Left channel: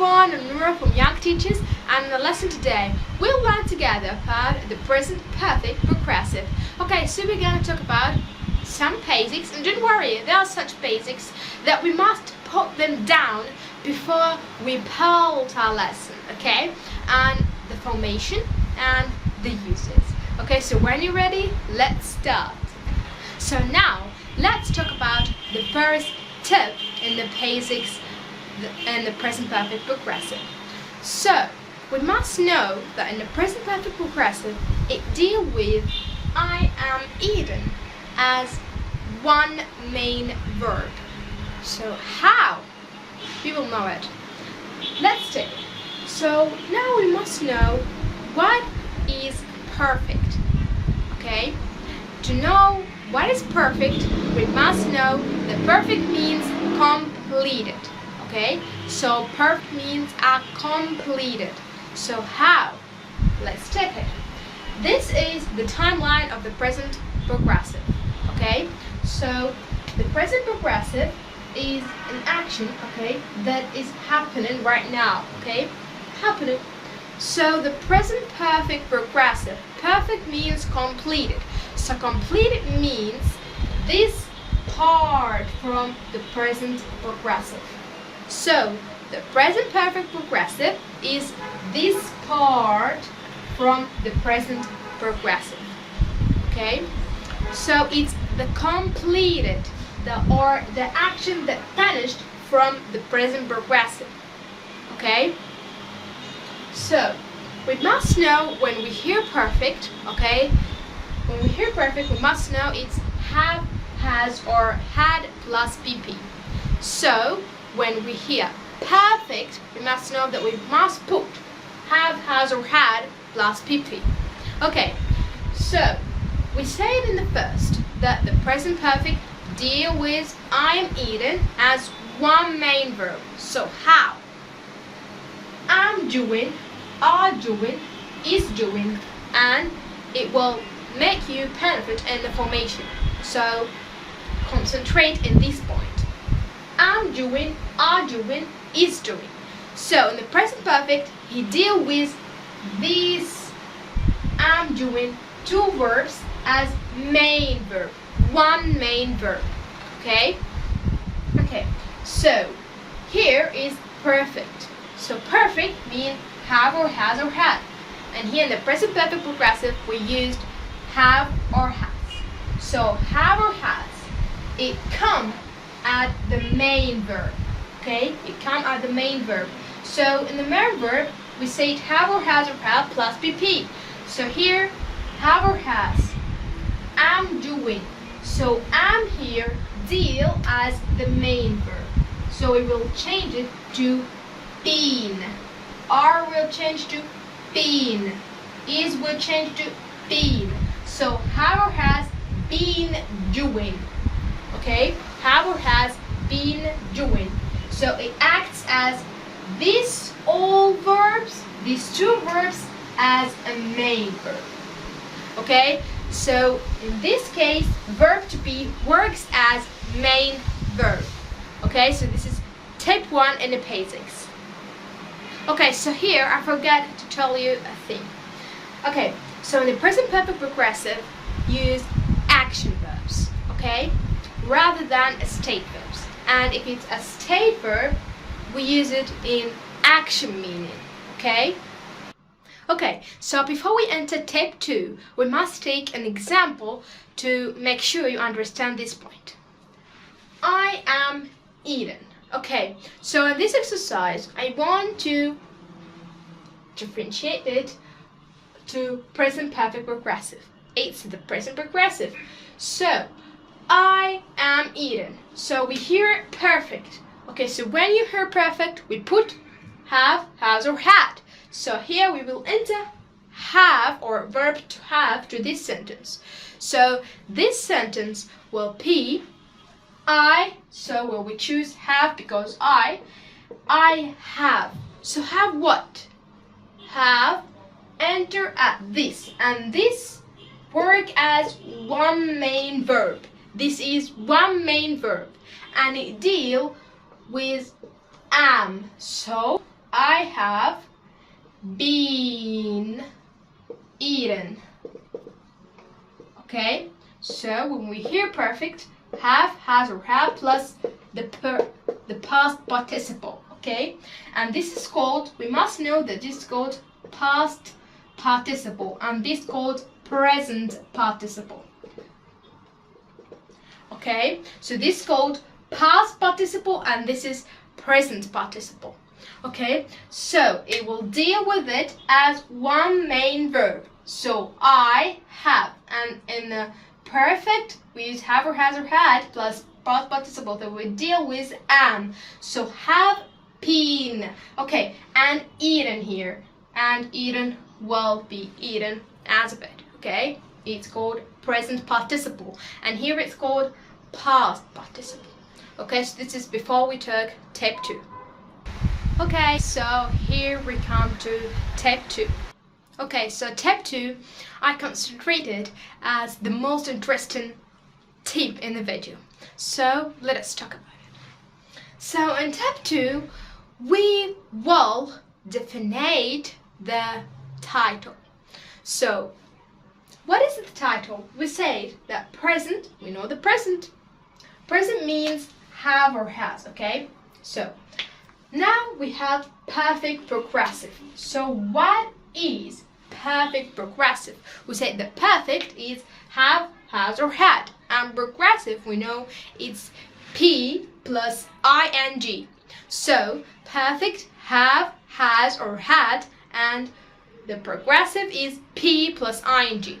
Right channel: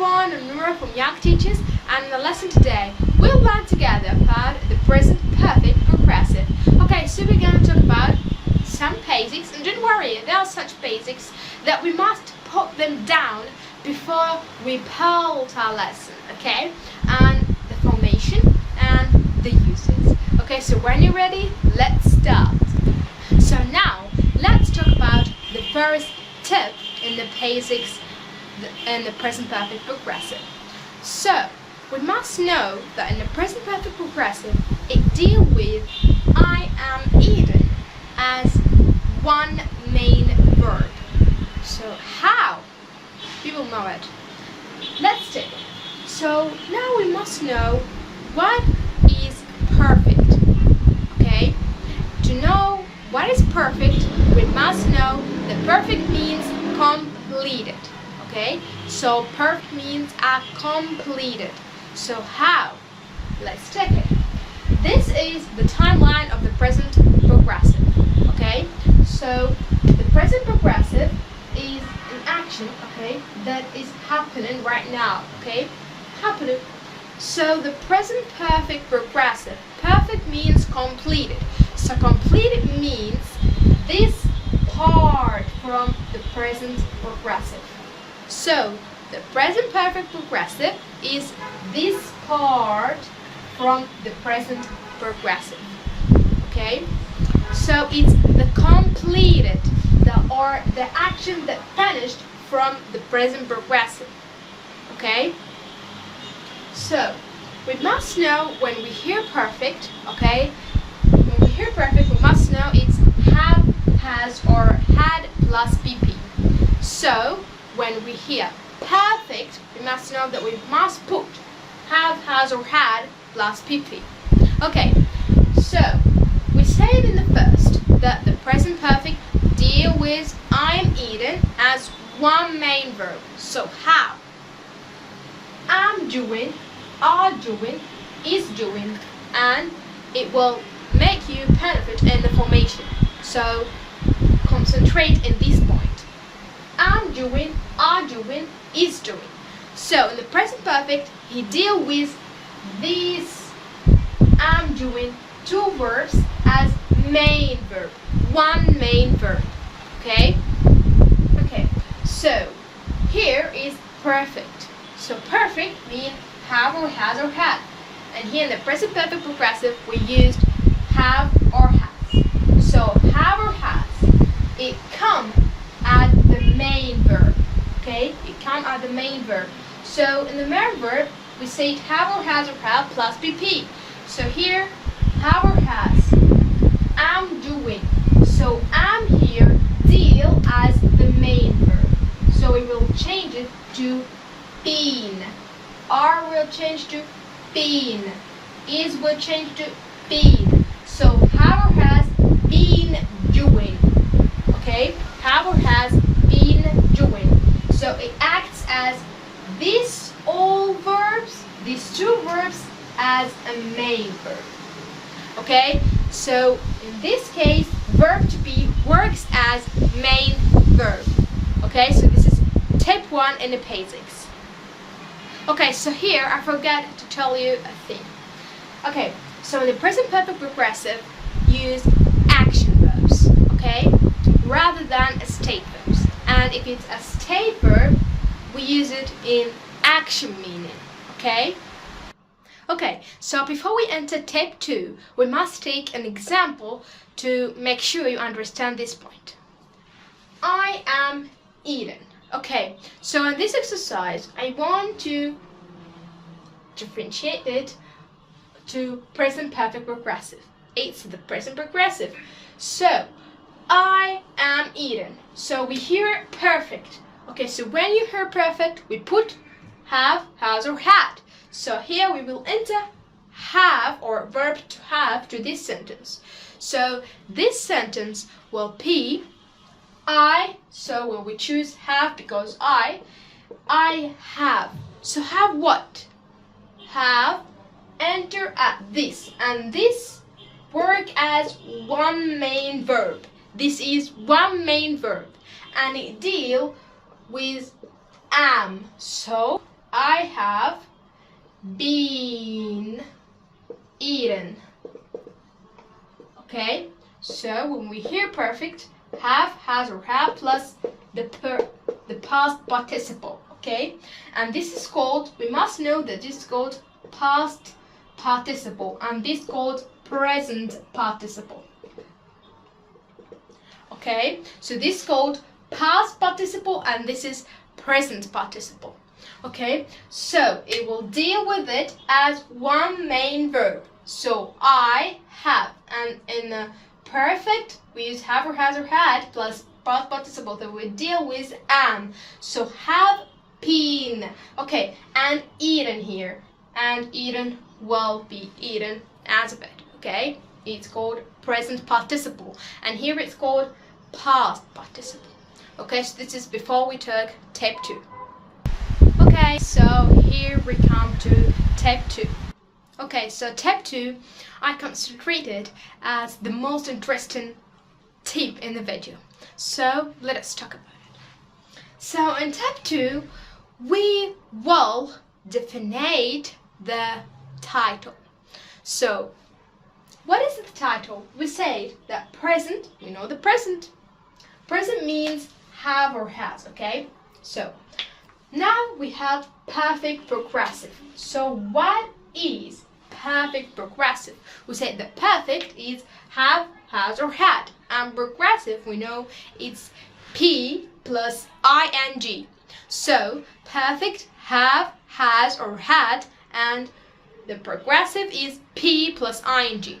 Everyone, I'm Nora from Young Teachers, and in the lesson today we'll learn together about the present perfect progressive. Okay, so we're going to talk about some basics, and don't worry, there are such basics that we must put them down before we build our lesson, okay? And the formation and the uses. Okay, so when you're ready, let's start. So now let's talk about the first tip in the basics and the present perfect progressive. So we must know that in the present perfect progressive it deals with I am eaten as one main verb. So how? We will know it. Let's take it. So now we must know what is perfect. Okay? To know what is perfect, we must know that perfect means completed. Okay, so perfect means are completed. So how? Let's check it. This is the timeline of the present progressive. Okay, so the present progressive is an action, okay, that is happening right now. Okay, happening. So the present perfect progressive. Perfect means completed. So completed means this part from the present progressive. So the present perfect progressive is this part from the present progressive. Okay? So it's the completed, the action that finished from the present progressive. Okay? So we must know when we hear perfect, okay? When we hear perfect, we must know it's have, has, or had plus PP. So when we hear perfect, we must know that we must put have, has, or had plus PP. Okay, so we said in the first that the present perfect deal with I am eating as one main verb. So how? I'm doing, are doing, is doing, and it will make you benefit in the formation. So concentrate in this point. I'm doing, are doing, is doing. So in the present perfect, you deal with these I'm doing two verbs as main verb. One main verb. Okay? Okay. So here is perfect. So perfect means have or has or had. And here in the present perfect progressive, we used have or has. So have or has, it comes at the main verb. Okay, it comes at the main verb. So in the main verb, we say have or has or had plus PP. So here, have or has, I'm doing. So I'm here deal as the main verb. So we will change it to been. Are will change to been. Is will change to been. So have or has been doing. Okay, have or has been doing. So it acts as these all verbs, these two verbs, as a main verb. Okay, so in this case, verb to be works as main verb. Okay, so this is tip 1 in the basics. Okay, so here I forgot to tell you a thing. Okay, so in the present perfect progressive, use action verbs, okay, rather than state verbs. And if it's a state verb, we use it in action meaning, okay? Okay, so before we enter tip 2, we must take an example to make sure you understand this point. I am eating. Okay, so in this exercise, I want to differentiate it to present perfect progressive. It's the present progressive. So I am eating. So we hear perfect. Okay, so when you hear perfect, we put have, has, or had. So here we will enter have or verb to have to this sentence. So this sentence will be I. So will we choose have because I have. So have what? Have enter at this, and this work as one main verb. This is one main verb, and it deal with am. So I have been eaten. Okay, so when we hear perfect, have, has, or have plus the past participle. Okay, and this is called, we must know that this is called past participle, and this is called present participle. Okay, so this is called past participle and this is present participle. Okay, so it will deal with it as one main verb. So I have, and in the perfect we use have or has or had plus past participle that we deal with am. So have been. Okay, and eaten here, and eaten will be eaten as a bit. Okay, it's called present participle, and here it's called past participle. Okay, so this is before we took step 2. Okay, so here we come to step 2. Okay, so step 2 I concentrated as the most interesting tip in the video. So let us talk about it. So in step 2 we will define the title. So what is the title? We said that present, we know the present. Present means have or has, okay? So now we have perfect progressive. So what is perfect progressive? We said that perfect is have, has, or had, and progressive we know it's P plus ing. So perfect have, has, or had, and the progressive is P plus ing.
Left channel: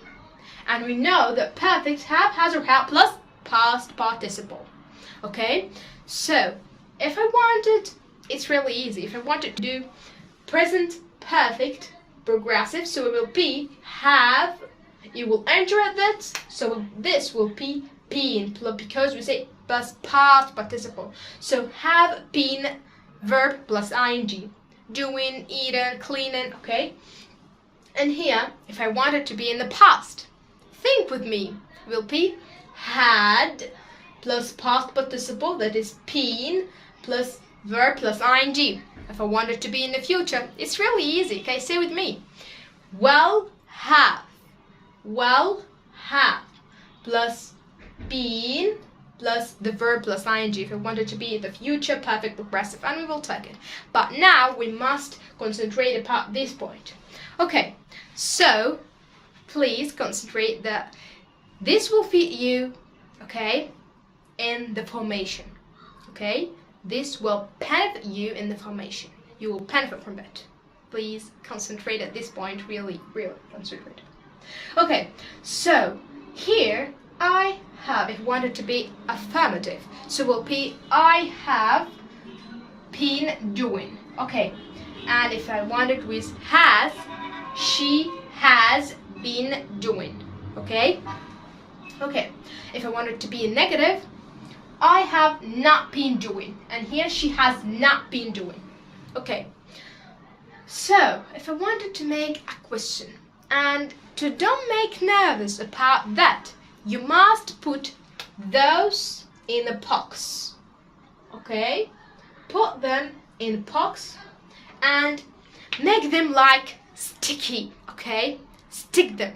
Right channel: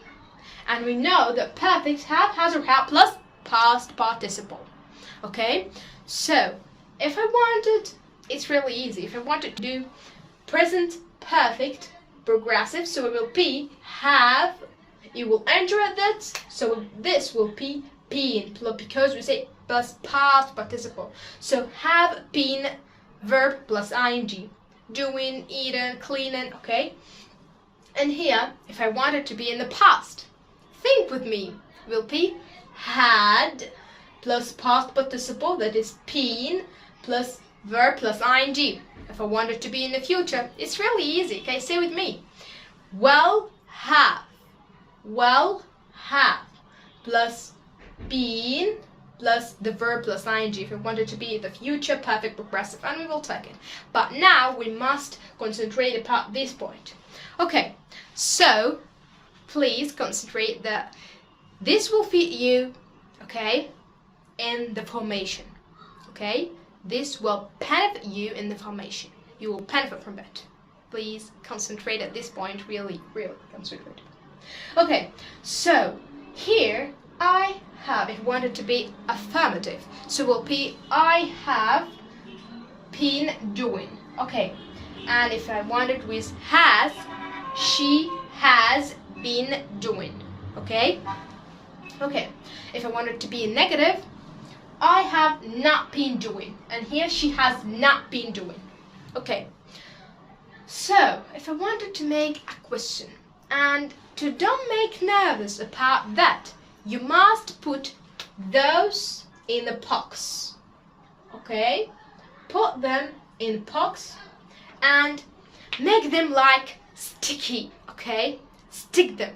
And we know that perfect have, has, or had plus past participle. Okay, so if I wanted, it's really easy. If I wanted to do present perfect progressive, so it will be have, you will enter that, so this will be been, because we say plus past participle. So have been verb plus ing, doing, eating, cleaning, okay? And here, if I wanted to be in the past, think with me, will be had plus past participle, that is been, plus verb plus ing. If I wanted to be in the future, it's really easy, okay? Say with me. Well have plus been plus the verb plus ing if we wanted to be the future perfect progressive, and we will take it. But now we must concentrate about this point. Okay, so please concentrate that this will fit you, okay, in the formation. Okay, this will benefit you in the formation. You will benefit from it. Please concentrate at this point, really concentrate. Okay, so here I have, if you want it to be affirmative, so it will be I have been doing. Okay, and if I want it with has, she has been doing. Okay, okay, if I want it to be negative, I have not been doing, and here she has not been doing. Okay, so if I wanted to make a question, and to don't make nervous about that, you must put those in the box. Okay, put them in the box and make them like sticky. Okay, stick them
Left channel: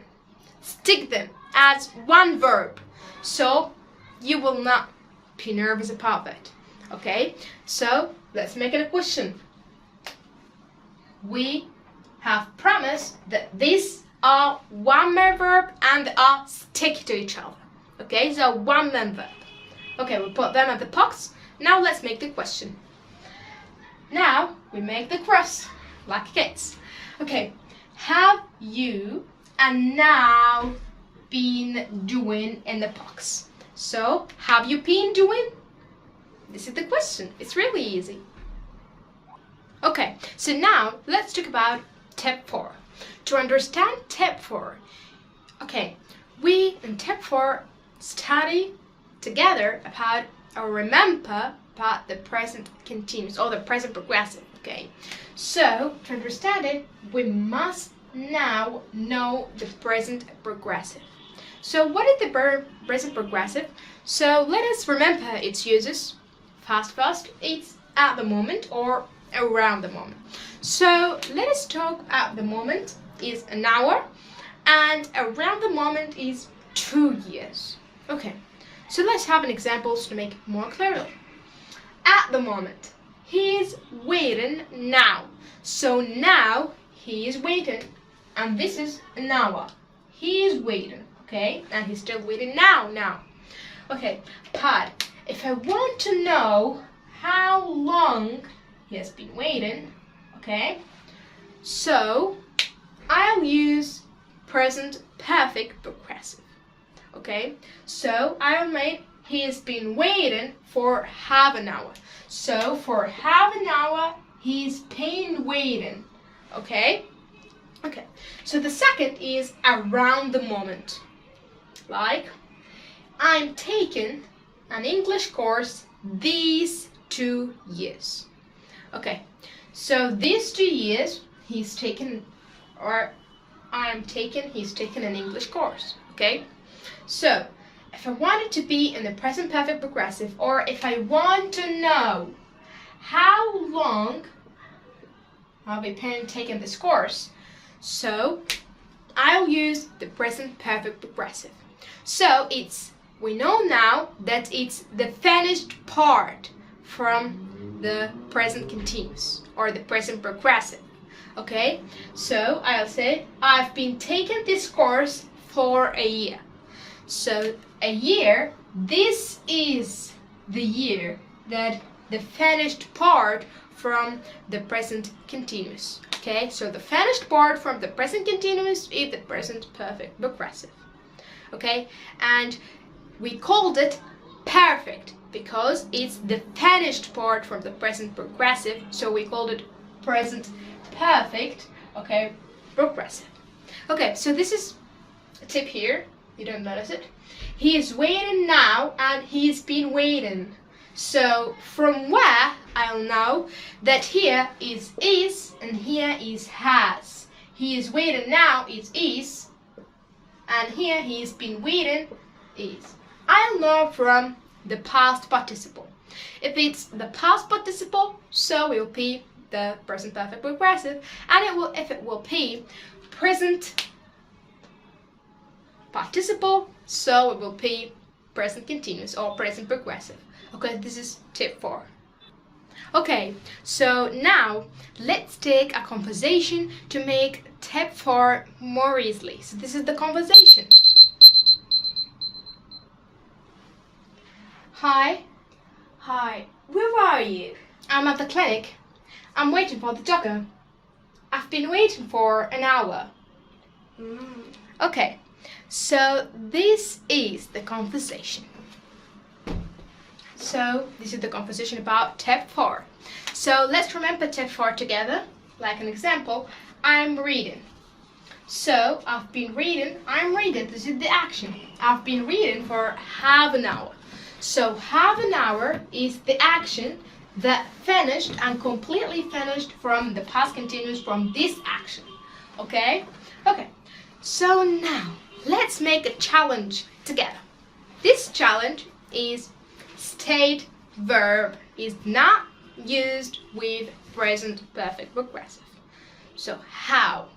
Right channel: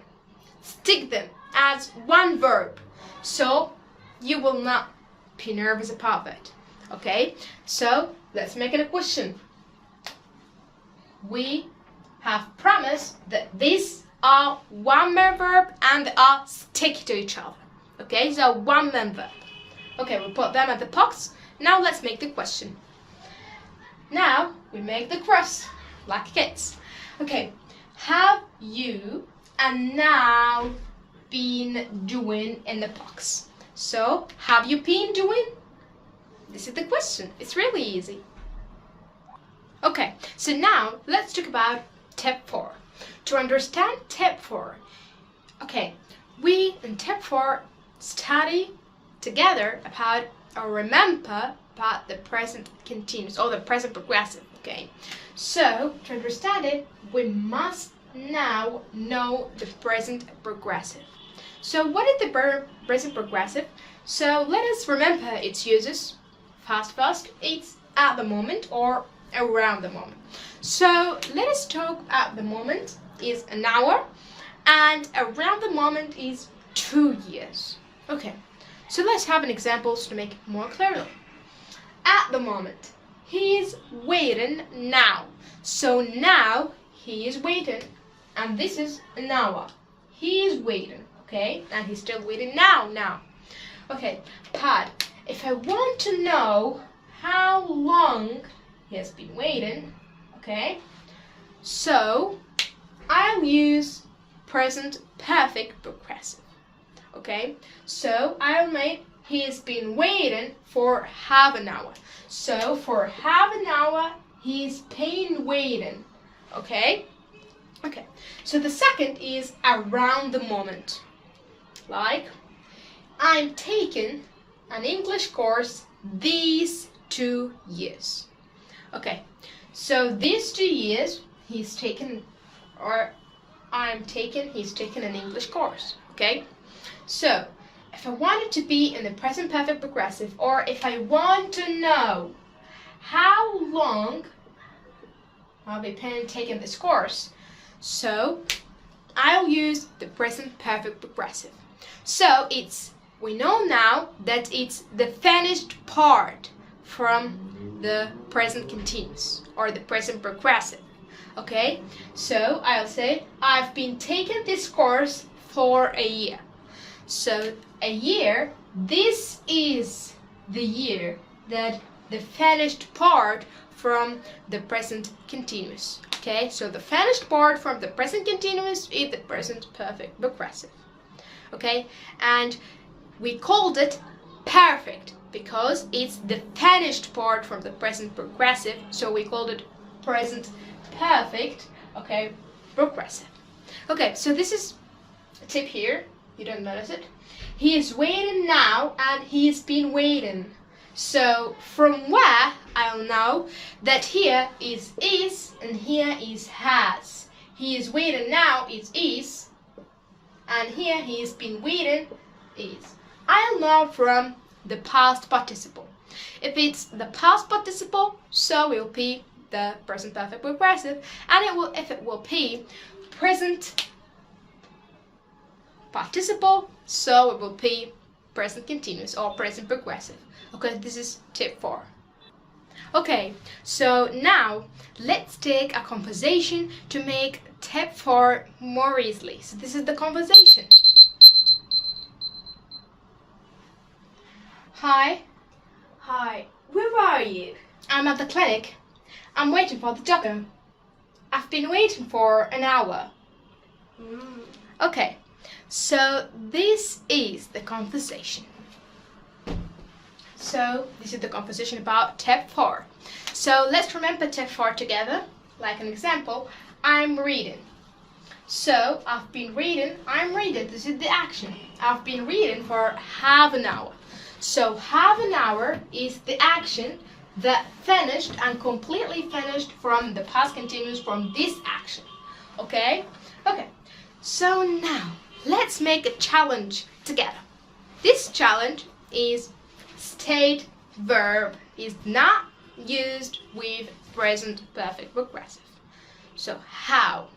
as one verb, so you will not be nervous about it. Okay, so let's make it a question. We have promised that these are one man verb and they are stick to each other. Okay, so one man verb. Okay, we put them at the box. Now let's make the question. Now we make the cross like kids. Okay, have you and now been doing in the box? So have you been doing? This is the question. It's really easy. Okay, so now let's talk about step 4. To understand step 4, okay, we in step 4 study together about or remember about the present continuous or the present progressive. Okay, so to understand it, we must now know the present progressive. So what is the present progressive? So let us remember its uses. First, it's at the moment or around the moment. So let us talk about the moment is an hour, and around the moment is 2 years. Okay, so let's have an example to make it more clear. At the moment, he is waiting now. So now he is waiting, and this is an hour. He is waiting, okay, and he's still waiting now. Okay, but if I want to know how long he has been waiting, okay, so I'll use present perfect progressive. Okay, so I'll make he has been waiting for half an hour. So for half an hour he's been waiting. Okay, so the second is around the moment. Like, I'm taking an English course these 2 years. Okay, so these 2 years he's taken an English course. Okay, so if I want it to be in the present perfect progressive, or if I want to know how long I'll be taking this course, so I'll use the present perfect progressive. So we know now that it's the finished part from the present continuous or the present progressive. Okay, so I'll say I've been taking this course for a year. So a year, this is the year that the finished part from the present continuous. Okay, so the finished part from the present continuous is the present perfect progressive. Okay, and we called it perfect because it's the finished part from the present progressive, so we called it present perfect, okay, progressive. Okay, so this is a tip here, you don't notice it. He is waiting now and he's been waiting. So from where I'll know that here is and here is has. He is waiting now is, and here he's been waiting is. I'll know from the past participle. If it's the past participle, so it will be the present perfect progressive, and if it will be present participle, so it will be present continuous or present progressive. Okay, this is tip 4. Okay, so now let's take a conversation to make tip 4 more easily. So this is the conversation. Hi, where are you? I'm at the clinic. I'm waiting for the doctor. I've been waiting for an hour. Okay, so this is the conversation. So this is the conversation about tip 4. So let's remember tip 4 together. Like an example, I'm reading. So I've been reading, I'm reading, this is the action. I've been reading for half an hour. So half an hour is the action that finished and completely finished from the past continuous from this action. Okay? Okay. So now let's make a challenge together. This challenge is state verb is not used with present perfect progressive. So how?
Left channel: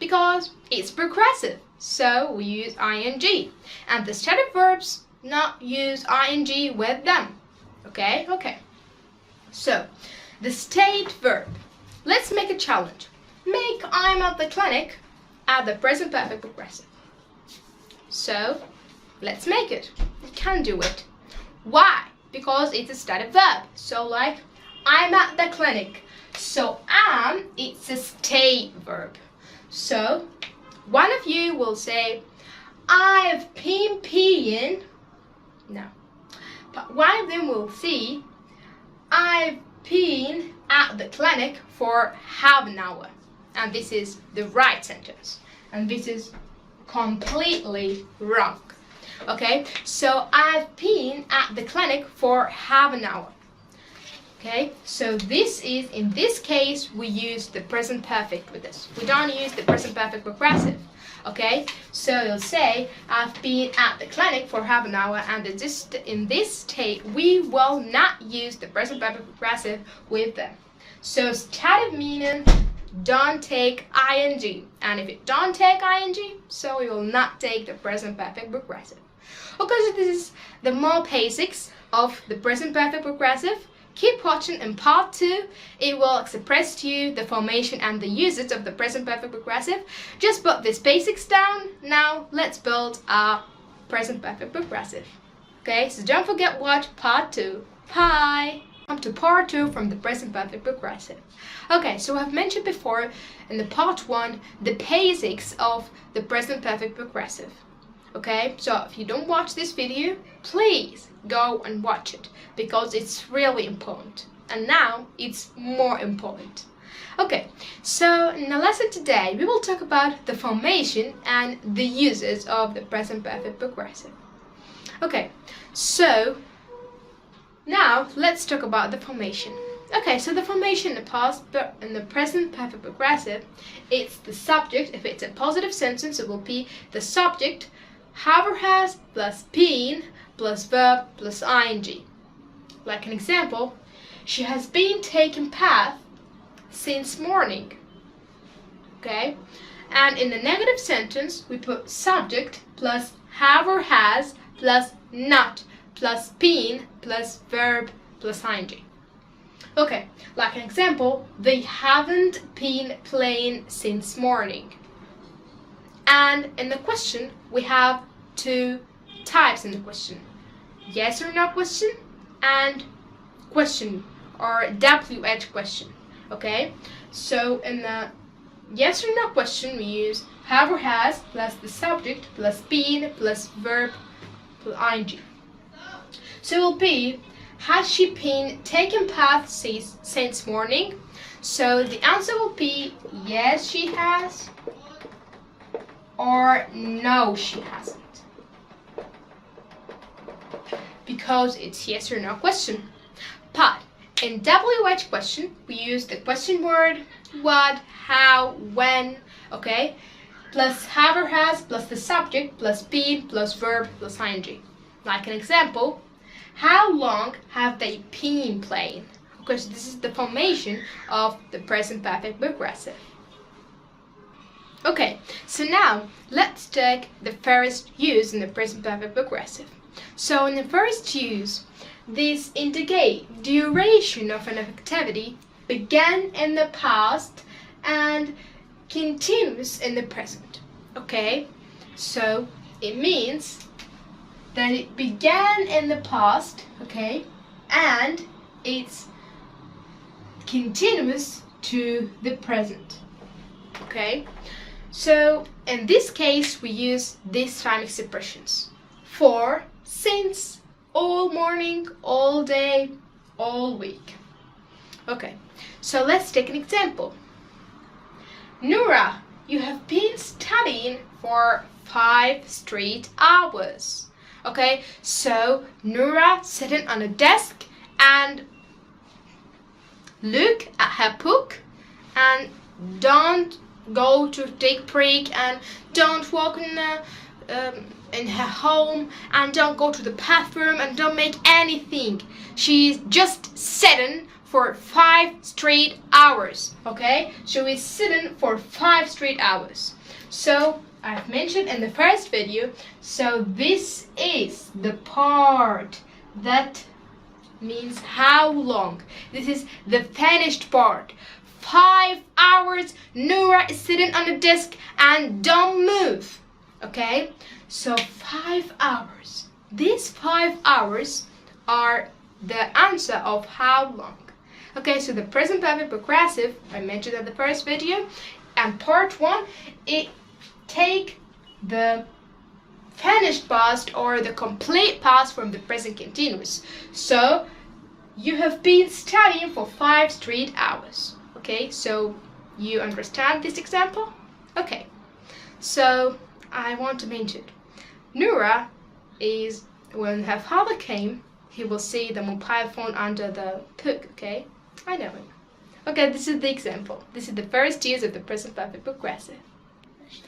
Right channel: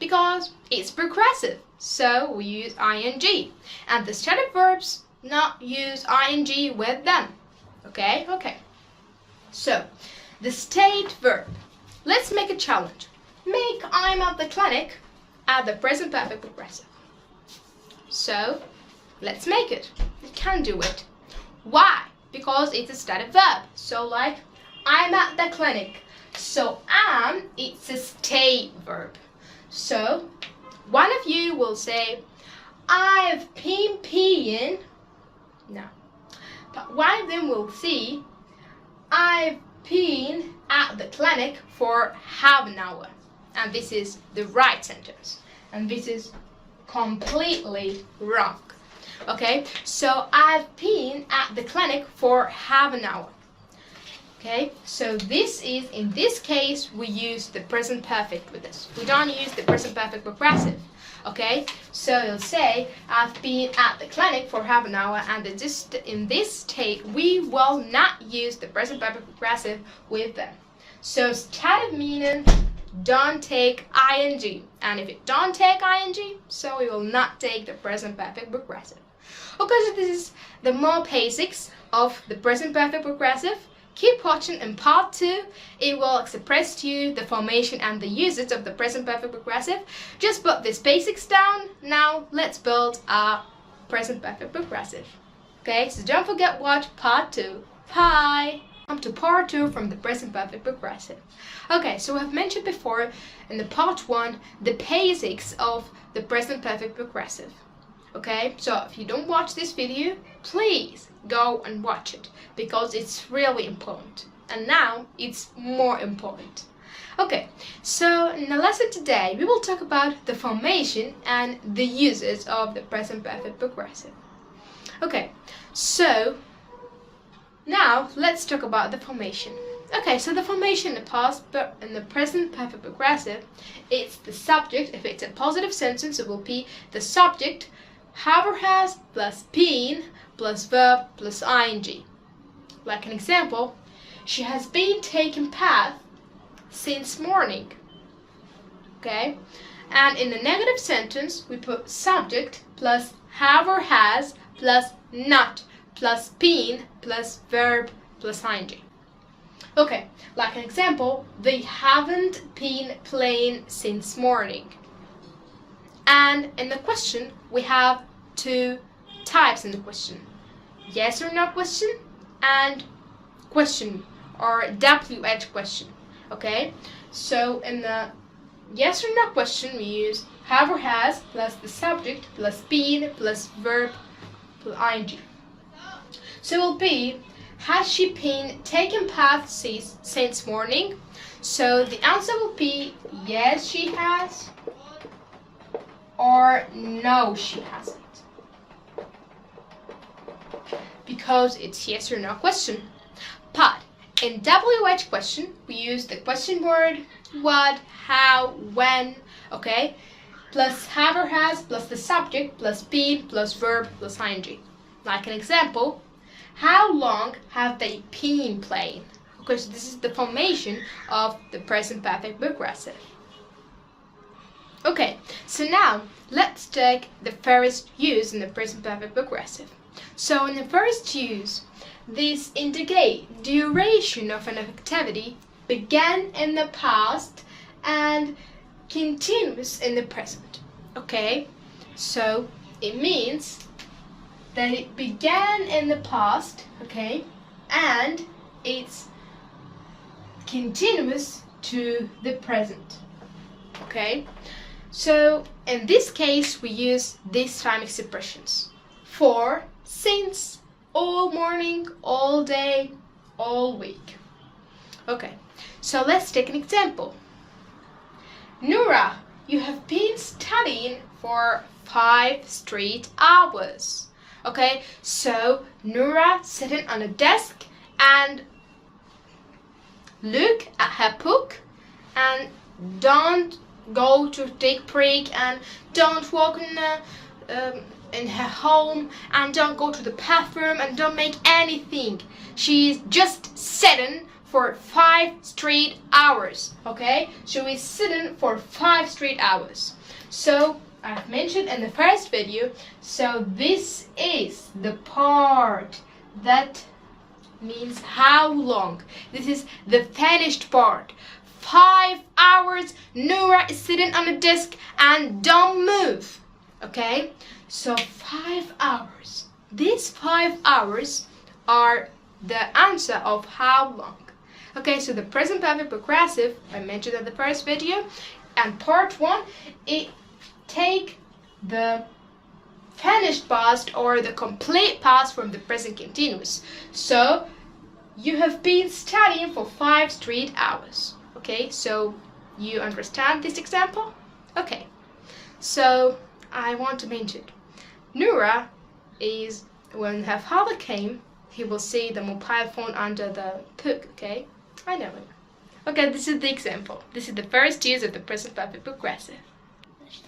Because it's progressive, so we use ing, and the stative verbs not use ing with them. Okay? Okay. So the state verb. Let's make a challenge. Make I'm at the clinic at the present perfect progressive. So let's make it. We can do it. Why? Because it's a stative verb. So like, I'm at the clinic. So am, it's a state verb. So one of you will say, I've been peeing. No. But one of them will say, I've been at the clinic for half an hour. And this is the right sentence. And this is completely wrong. Okay, so I've been at the clinic for half an hour. Okay, so this is, in this case, we use the present perfect with this. We don't use the present perfect progressive. Okay, so you'll say, I've been at the clinic for half an hour, and in this state, we will not use the present perfect progressive with them. So stative meaning don't take ing, and if it don't take ing, so it will not take the present perfect progressive. Okay, so this is the more basics of the present perfect progressive. Keep watching. In part 2, it will express to you the formation and the usage of the present perfect progressive. Just put these basics down. Now let's build our present perfect progressive. Okay, so don't forget watch part 2. Bye! Come to part 2 from the present perfect progressive. Okay, so I've mentioned before in the part 1 the basics of the present perfect progressive. Okay, so if you don't watch this video, please go and watch it because it's really important, and now it's more important. Okay, so in the lesson today we will talk about the formation and the uses of the present perfect progressive. Okay, so now let's talk about the formation. Okay, so the formation in the past and the present perfect progressive, it's the subject. If it's a positive sentence, it will be the subject have or has plus been plus verb plus ing. Like an example, she has been taking bath since morning. Okay, and in the negative sentence we put subject plus have or has plus not plus been plus verb plus ing. Okay, like an example, they haven't been playing since morning. And in the question, we have 2 types in the question. Yes or no question and question or WH question. Okay, so in the yes or no question, we use have or has plus the subject plus been plus verb plus ing. So it will be, has she been taking bath since morning? So the answer will be yes, she has, or no, she hasn't. Because it's yes or no question. But in WH question, we use the question word, what, how, when, okay? Plus have or has, plus the subject, plus been, plus verb, plus ing. Like an example, how long have they been playing? Okay, so this is the formation of the present perfect progressive. Okay, so now let's take the first use in the present perfect progressive. So in the first use, this indicate duration of an activity began in the past and continues in the present. Okay, so it means that it began in the past, okay, and it's continuous to the present. Okay, so in this case we use these time expressions: for, since, all morning, all day, all week. Okay, so let's take an example. Nora, you have been studying for 5 straight hours. Okay, so Nora sitting on a desk and look at her book and don't go to take break and don't walk in her home and don't go to the bathroom and don't make anything. She's just sitting for 5 straight hours. Okay, so she's sitting for 5 straight hours. So I've mentioned in the first video, so this is the part that means how long. This is the finished part. 5 hours, Nora is sitting on a desk and don't move. Okay, so 5 hours. These 5 hours are the answer of how long. Okay, so the present perfect progressive, I mentioned in the first video, and part 1, it take the finished past or the complete past from the present continuous. So you have been studying for 5 straight hours. Okay, so you understand this example? Okay, so I want to mention Nora is, when her father came, he will see the mobile phone under the book. Okay, I know it. Okay, this is the example. This is the first use of the present perfect progressive.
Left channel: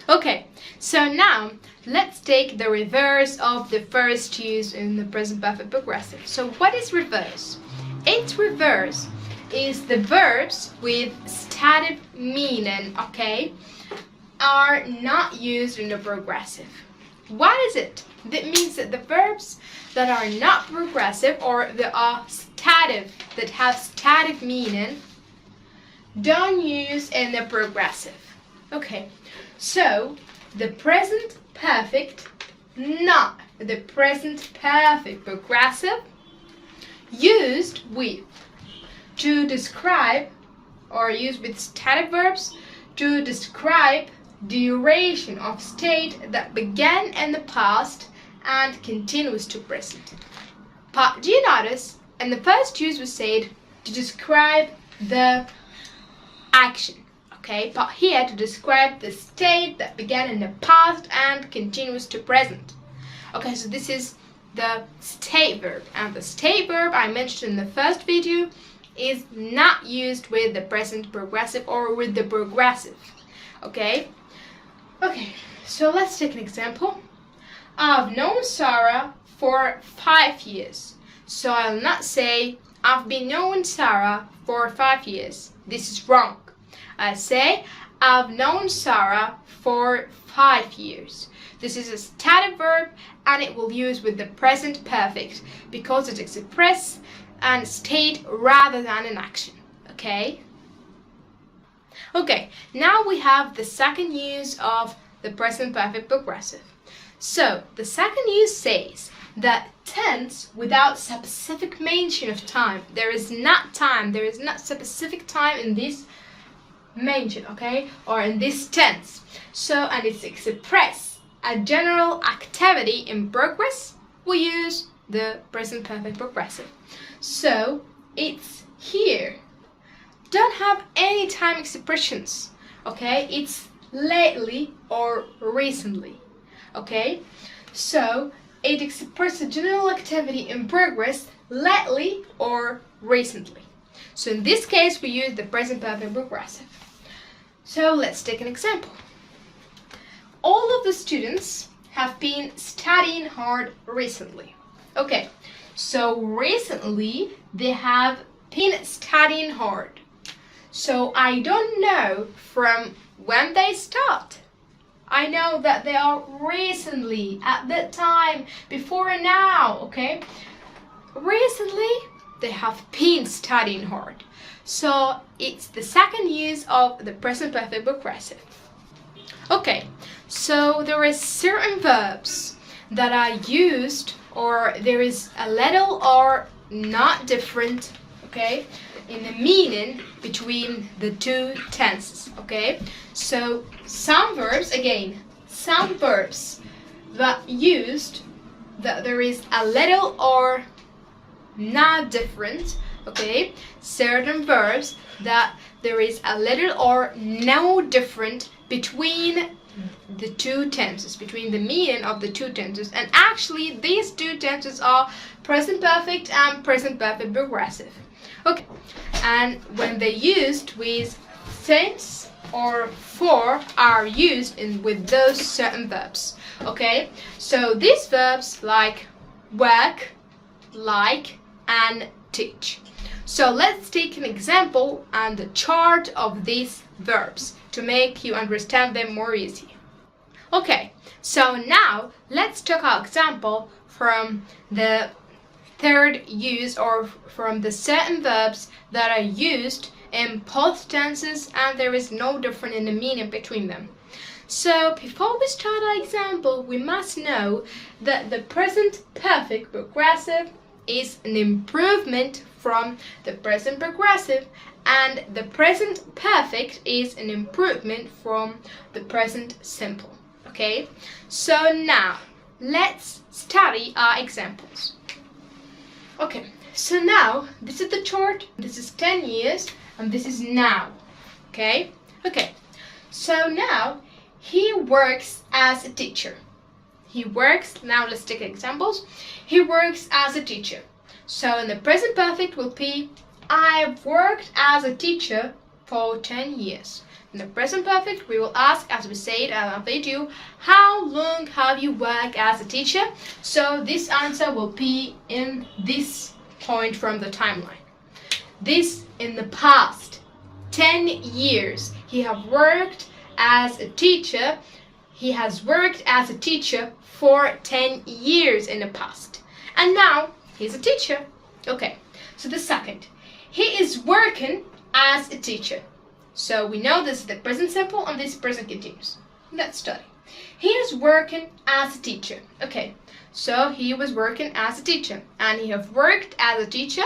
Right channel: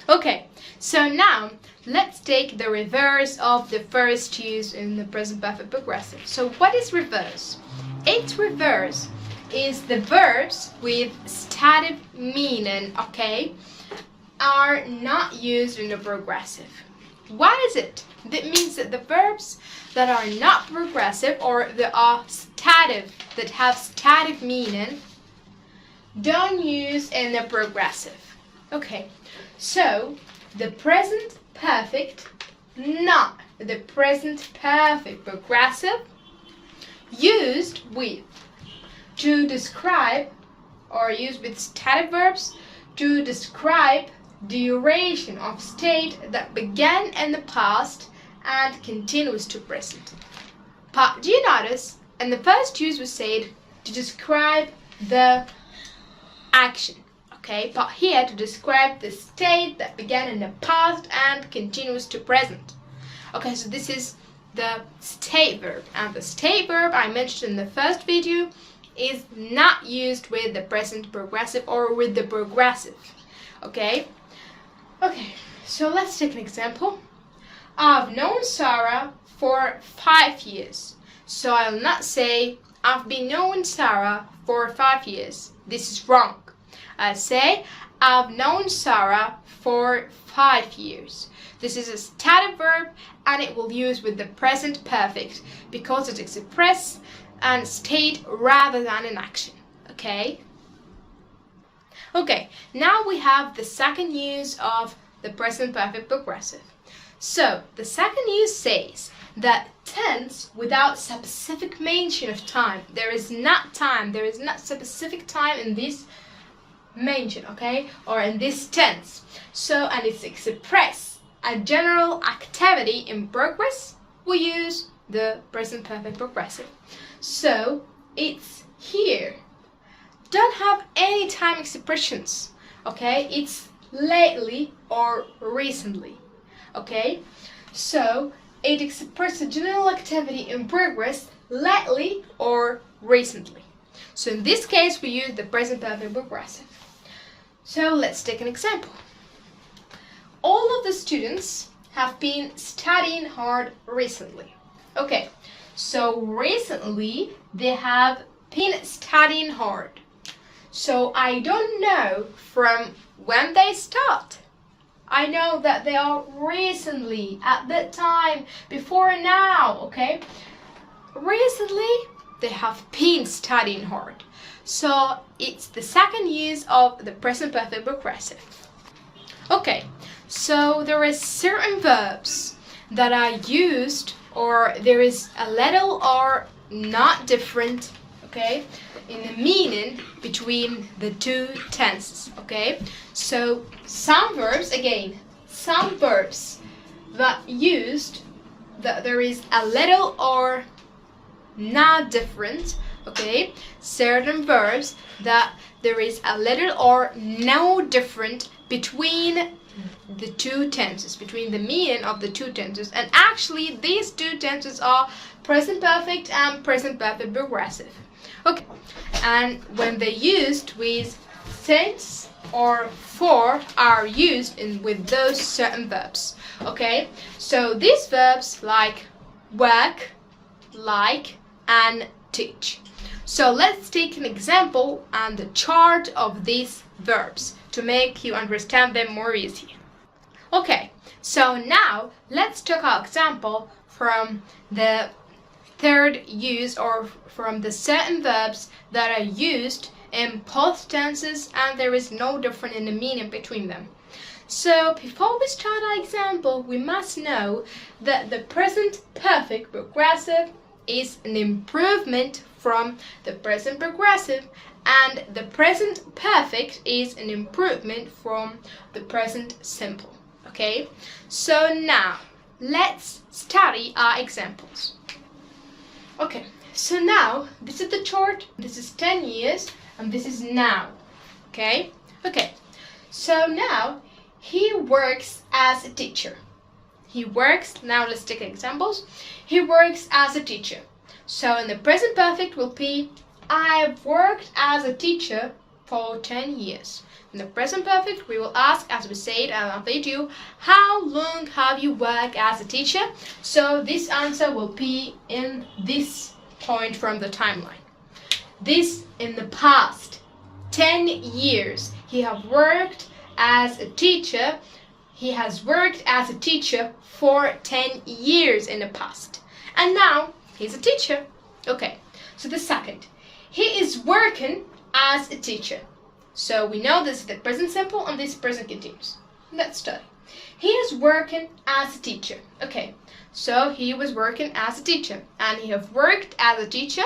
Okay, so now let's take the reverse of the first use in the present perfect progressive. So what is reverse? Its reverse is the verbs with stative meaning, okay, are not used in the progressive. What is it? That means that the verbs that are not progressive or that are stative, that have static meaning, don't use in the progressive. Okay, so the present perfect, not the present perfect progressive, used with to describe, or used with static verbs to describe duration of state that began in the past and continues to present. But do you notice? In the first use we said to describe the action, okay? But here to describe the state that began in the past and continues to present. Okay, so this is the state verb, and the state verb I mentioned in the first video is not used with the present progressive or with the progressive. Okay, so let's take an example. I've known Sarah for 5 years. So I'll not say I've been knowing Sarah for 5 years. This is wrong. I say I've known Sarah for 5 years. This is a static verb and it will use with the present perfect because it expresses a state rather than an action. Okay, now we have the second use of the present perfect progressive. So the second use says that tense without specific mention of time. There is not specific time in this mention, okay, or in this tense. So, and it's express a general activity in progress, we use the present perfect progressive. So it's here. Don't have any time expressions, okay? It's lately or recently, okay? So it expresses a general activity in progress lately or recently. So in this case, we use the present perfect progressive. So let's take an example. All of the students have been studying hard recently. Okay, so recently they have been studying hard. So I don't know from when they start. I know that they are recently, at that time, before now, okay? Recently, they have been studying hard. So it's the second use of the present perfect progressive. Okay, so there is certain verbs that are used, or there is a little or not different, okay, in the meaning between the two tenses, okay? So some verbs that used that there is a little or not different, okay? Certain verbs that there is a little or no different between the two tenses, between the meaning of the two tenses. And actually these two tenses are present perfect and present perfect progressive. Okay, and when they used with since or for are used with those certain verbs. Okay, so these verbs like work, like, and teach. So let's take an example and the chart of these verbs to make you understand them more easily. Okay, so now let's take our example from the third use, or from the certain verbs that are used in both tenses and there is no difference in the meaning between them. So before we start our example, we must know that the present perfect progressive is an improvement from the present progressive, and the present perfect is an improvement from the present simple. Okay, so now let's study our examples. Okay, so now this is the chart, this is 10 years, and this is now. Okay, so now he works as a teacher. Now let's take examples. He works as a teacher. So in the present perfect will be I've worked as a teacher for 10 years. In the present perfect, we will ask, as we said in our video, how long have you worked as a teacher? So this answer will be in this point from the timeline. this in the past 10 years. He have worked as a teacher. He has worked as a teacher for 10 years in the past. And now he's a teacher. Okay, so the second. He is working as a teacher. So we know this is the present simple and this present continuous. Let's study. He is working as a teacher. Okay, so he was working as a teacher. And he have worked as a teacher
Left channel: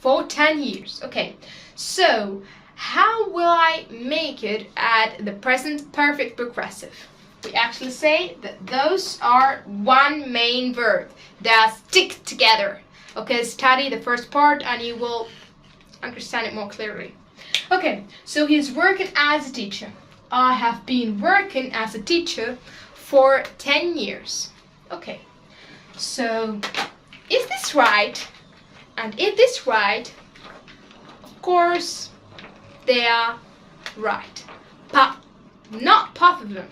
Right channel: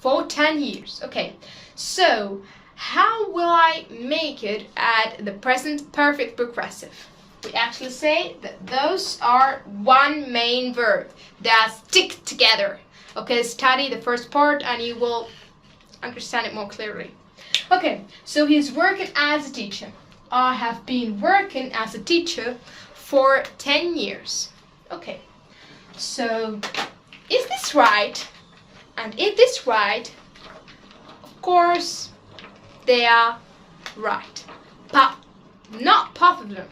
for 10 years. Okay, so how will I make it at the present perfect progressive? We actually say that those are one main verb that stick together. Okay, study the first part and you will understand it more clearly. Okay, so he's working as a teacher. I have been working as a teacher for 10 years. Okay, so is this right? And if this right, of course, they are right. But not both of them.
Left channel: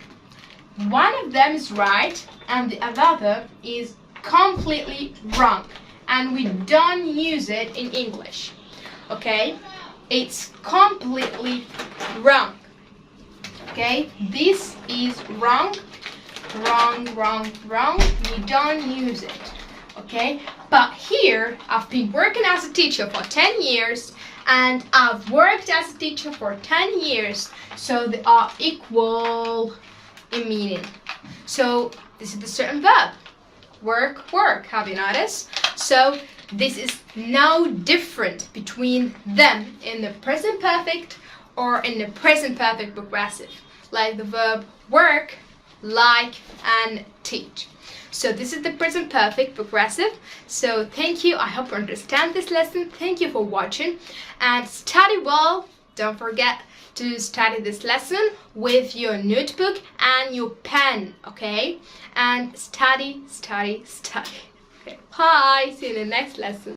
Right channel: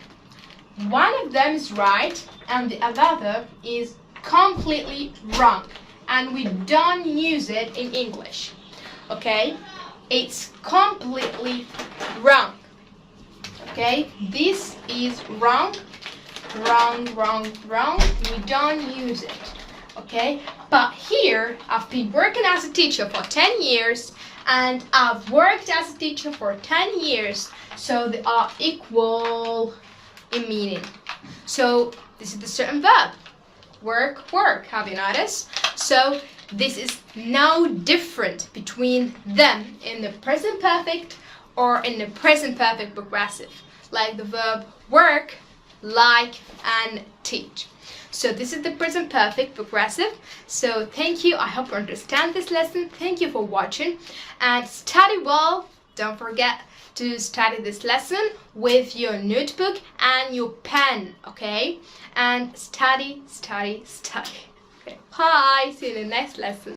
One of them is right and the other is completely wrong. And we don't use it in English. Okay? It's completely wrong. Okay? This is wrong. Wrong, wrong, wrong. We don't use it. Okay? But here, I've been working as a teacher for 10 years and I've worked as a teacher for 10 years. So they are equal in meaning. So this is the certain verb. Work, work. Have you noticed? So this is no different between them in the present perfect or in the present perfect progressive. Like the verb work, like, and teach. So this is the present perfect progressive. So thank you. I hope you understand this lesson. Thank you for watching and study well. Don't forget to study this lesson with your notebook and your pen, okay? And study, study, study. Okay, bye. See you in the next lesson.